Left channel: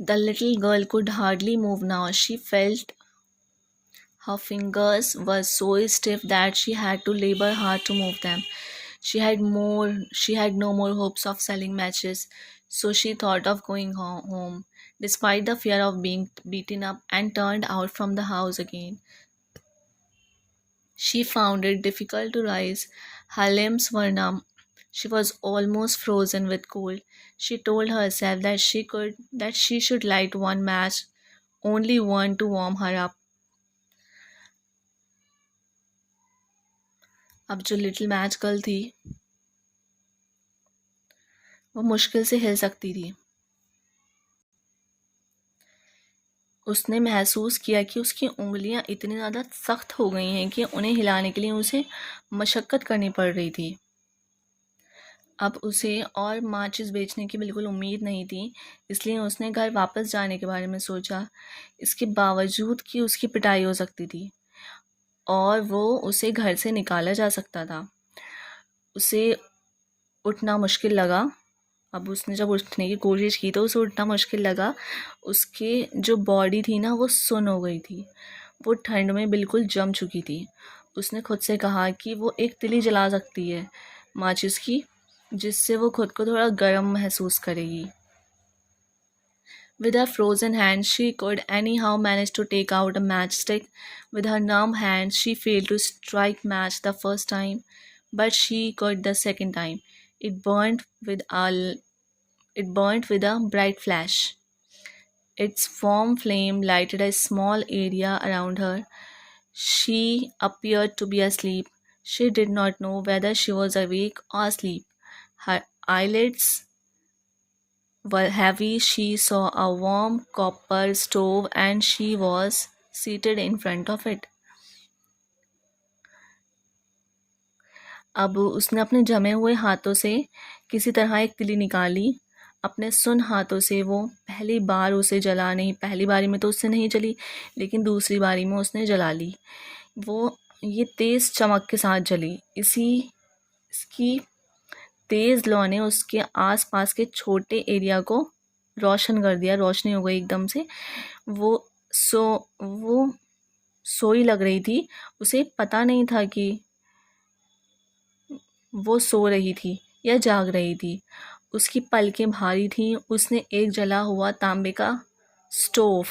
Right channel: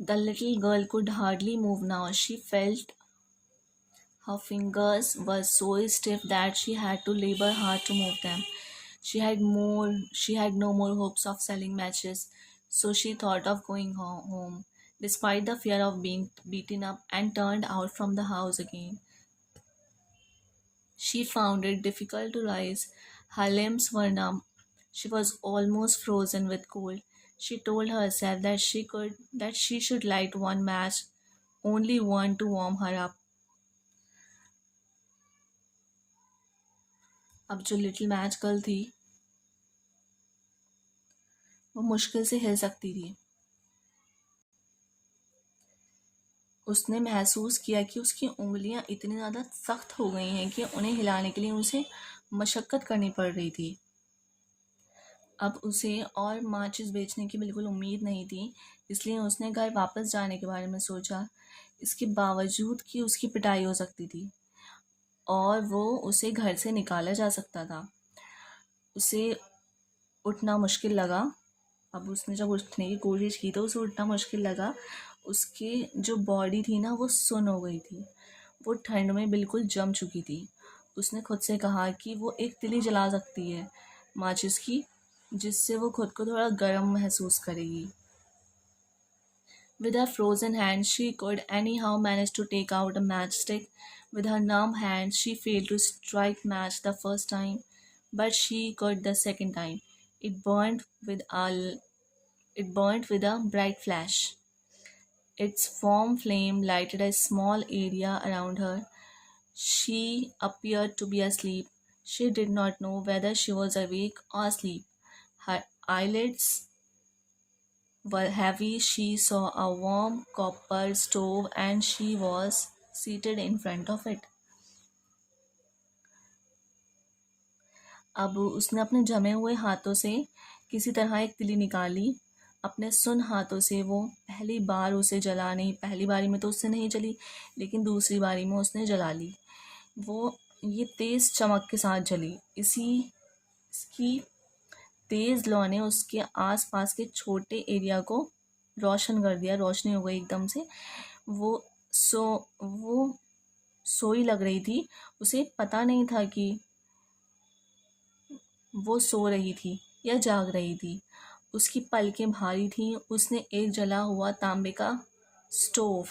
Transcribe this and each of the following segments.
The little girl could hardly move now. She felt her fingers were so stiff that she had to labor hard to move them. She had no more hopes of selling matches, so she thought of going home, despite the fear of being beaten up and turned out from the house again. She found it difficult to rise. Her limbs were numb. She was almost frozen with cold. She told herself that she should light one match, only one to warm her up. अब जो little match girl थी वो मुश्किल से हिल सकती थी। उसने महसूस किया कि उसकी उँगलियां इतनी ज़्यादा सख्त हो गई हैं कि उन्हें हिलाने के लिए उसे मशक्क़त करनी पड़ रही थी। अब उसे और माचिस बेचने की बिल्कुल उम्मीद नहीं थी, इसलिए उसने घर वापस जाने के बारे में सोचा। इसके बावजूद कि उसकी पिटाई हो सकती थी और वो उसे घर से निकाला जा सकता था, उसे उठना मुश्किल लगा। अब उसने जब उठने की कोशिश की तो उसे उठना मुश्किल लगा। उसके जो बॉडी थी ना वो सुन्न हो गई थी, वो ठंड में बिल्कुल जम चुकी थी। उसने खुद से कहा कि वो एक तिली जला सकती है माचिस की, जिससे वो खुद को थोड़ा गर्म महसूस करेगी। With her frozen hands, she could anyhow manage to take out a matchstick. With her numb hands, she failed to strike match the first time, but she could the second time. It burned with a it burnt with a bright flash. Its warm flame lighted a small area around her. She appeared to be asleep. She did not know whether she was awake or asleep. Her eyelids were heavy. She saw a warm copper stove and she was seated in front of it. अब उसने अपने जमे हुए हाथों से किसी तरह एक तिली निकाली। अपने सुन हाथों से वो पहली बार उसे जला नहीं, पहली बारी में तो उससे नहीं जली, लेकिन दूसरी बारी में उसने जला ली। वो ये तेज़ चमक के साथ जली। इसकी तेज़ लौ ने उसके आसपास के छोटे एरिया को रोशन कर दिया, रोशनी हो गई एकदम से। वो सोई लग रही थी। उसे पता नहीं था कि वो सो रही थी या जाग रही थी। उसकी पलकें भारी थीं। उसने एक जला हुआ तांबे का स्टोव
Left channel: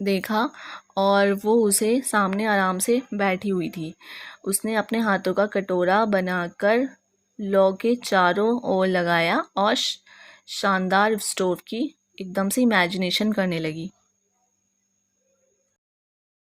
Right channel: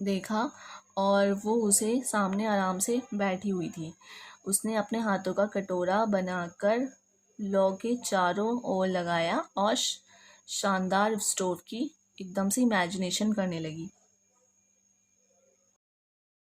देखा और वो उसे सामने आराम से बैठी हुई थी। उसने अपने हाथों का कटोरा बनाकर लौ के चारों ओर लगाया और शानदार स्टोव की एकदम से इमेजिनेशन करने लगी।